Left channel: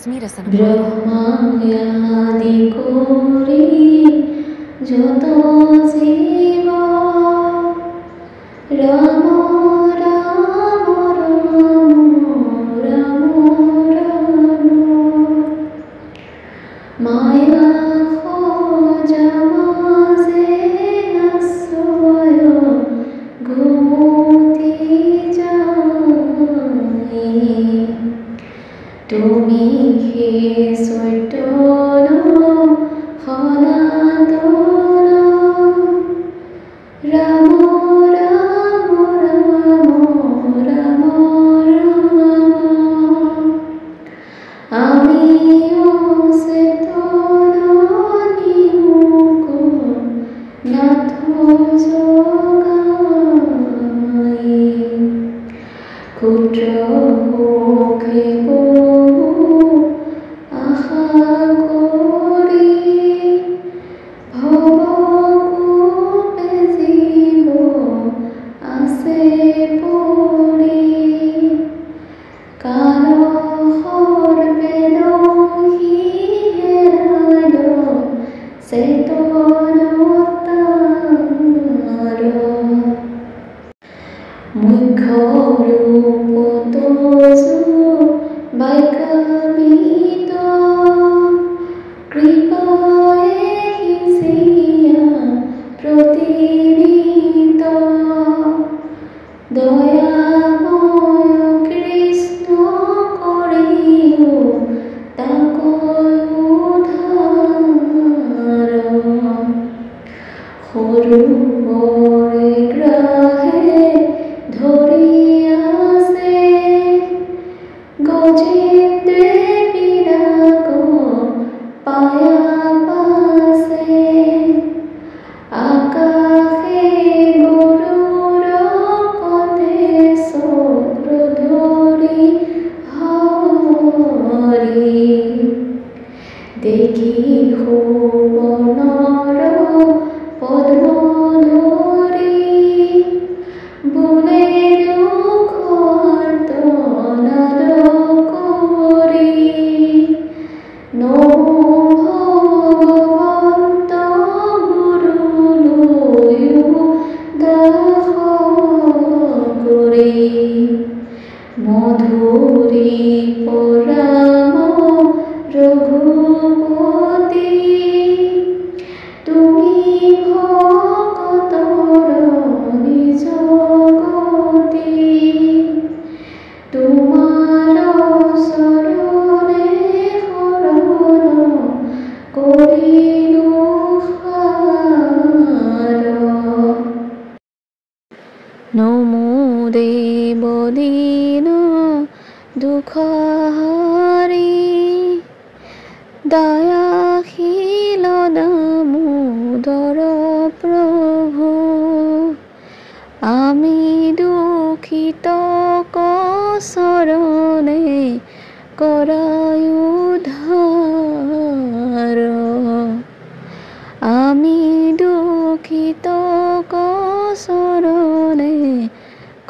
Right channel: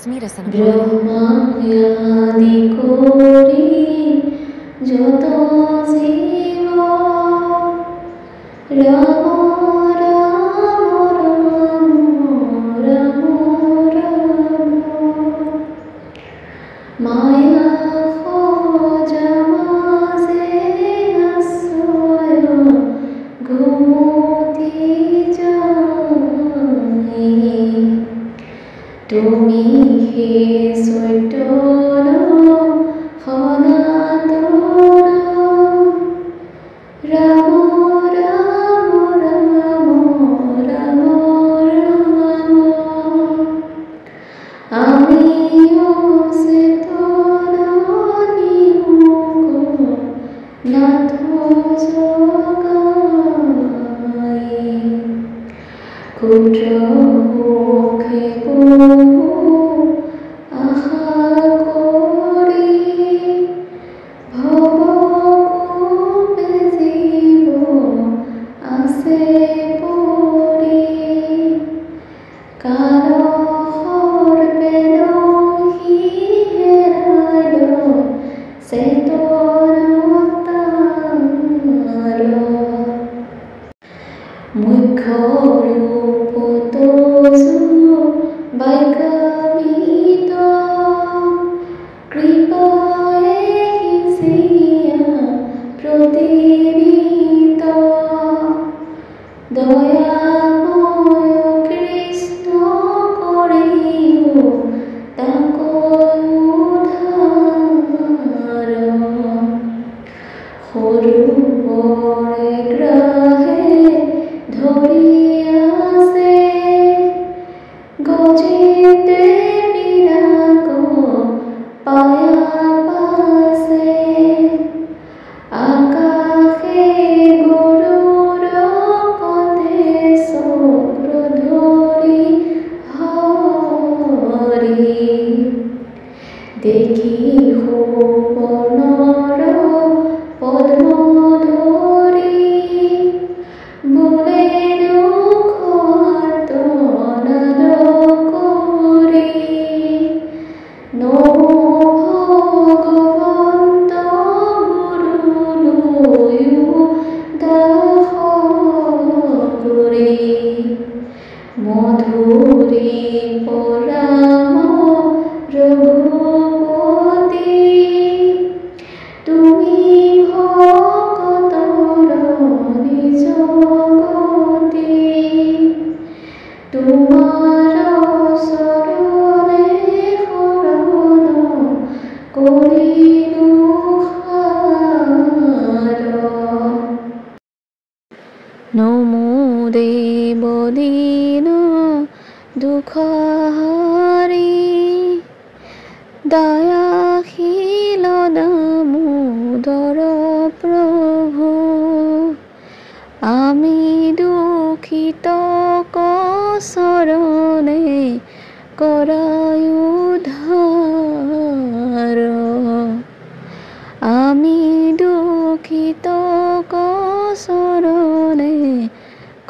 স্মৃৰচনা ব্ৰহ্মাদি কৰি যত জীৱ ৰাম ৰাম ৰাম ৰাম ৰাম মায়া সজা মাজে আশ্ৰয় ঘুমতি যায় তুমি হে চৈতন্য সনাতন ৰাম ৰাম ৰাম ৰাম ৰাম আমি অচেতন নিয়োগ নাথ জগাই ক্ষুদ্ৰ সুখে বহু আশা কৰি ভৱকূপে জীৱ আছে পৰি কালসৰ্পে দংশি হেৰাল চেতনতাৰ মুখ্য ৰূপ তজু বৈকামিত কৃপায়ে সিঁচিয়া প্ৰতিনিত দয়াময় কৃষ্ণ কৰিও তাকৈ উদ্ধাৰ সৰুবৰে গ্ৰাহে ধৰি আছে গজিতে বিৰাগ পায়া পাছে আকাশে গৰুড় কতে চক্ৰ ধৰি হৰি দেখি সুবৰ্ণৰ পদ্ম ধৰি বোলে দুখৰ তনাদ কৰি নমো ভগৱন্ত গুৰুলৈও দাস কৰি মধুৰী পৰাম ৰঘুপতি তুমি ভকতৰ নিজ গতি তোমাৰ চৰণে শৰণ কৰিলো সাৰ নমো দেৱ দীন দুখহাৰী দয়াশীল দামোদৰ প্ৰভু আমি দুখিত চৰণে কৰাই উদ্ধাৰ আমি দুখিত চৰণে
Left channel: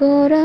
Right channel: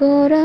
কৰা